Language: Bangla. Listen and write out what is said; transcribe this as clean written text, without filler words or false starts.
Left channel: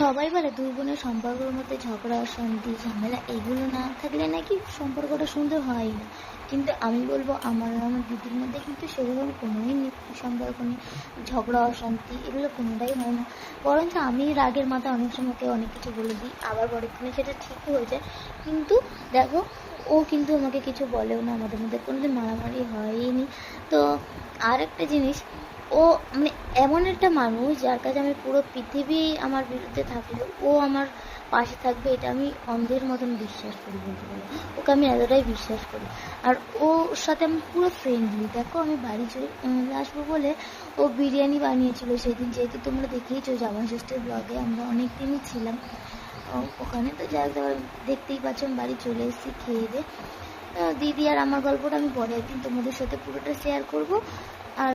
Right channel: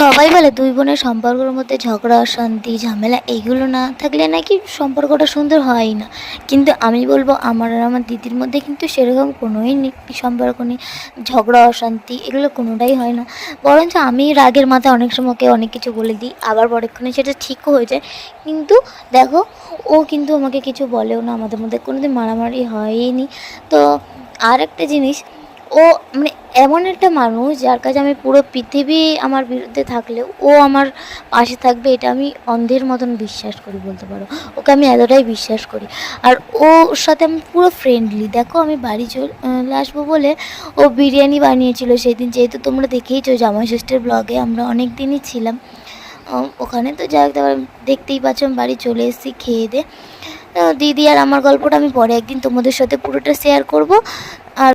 সবাই বলে দুই বোনের সম্পর্কের মধ্যে ঝগড়া অশান্তি ঝামেলা এইগুলো না থাকলে নাকি সম্পর্কটা সুন্দর হয়ই না, কিন্তু আমি বলবো আমার আর আমার দিদির মধ্যে কিন্তু সেরকম কোনোই সম্পর্ক নেই। ঝগড়া অশান্তি এগুলো কোনোটাই হয় না, বরঞ্চ আমি রাগের মাথায় অনেক সময় ওকে অনেক কিছু বলে দিই, আবার পরক্ষণে সেটা ঠিকও হয়ে যায়। কিন্তু দেখো, ও কিন্তু আমাকে কিছু বলেও না, আমাদের মধ্যে কোনোদিন মারামারি হয়নি। তো আর একটা জিনিস, ও মানে এমন একটা মানুষ যার কাছে আমি পুরো পৃথিবী আমার বিরুদ্ধে থাকলেও ও আমার পাশে থাকবে, এটা আমি অন্ধের মতন বিশ্বাস করি বলতে পারো। ওকে আমি এতটাই বিশ্বাস করি। আর ওর সাথে আমি পুরো ফ্রেন্ডলি। দেখো আমি বাড়ি চলে আসবো বলে ও বিরিয়ানি বানিয়েছিল সেদিন, যেহেতু তোমরা দেখেইছো জামাই ষষ্ঠীর ব্লগে আমরা অনেক দিনই ছিলাম ওখানে। তো যাই হোক, দেখতেই পাচ্ছ আমি বাড়ি চলে এসেছি খেয়ে দিয়ে। দিদি আর আমার গল্পটা আমি পরে একদিন তোমাদের সাথে পুরোটা শেয়ার করব।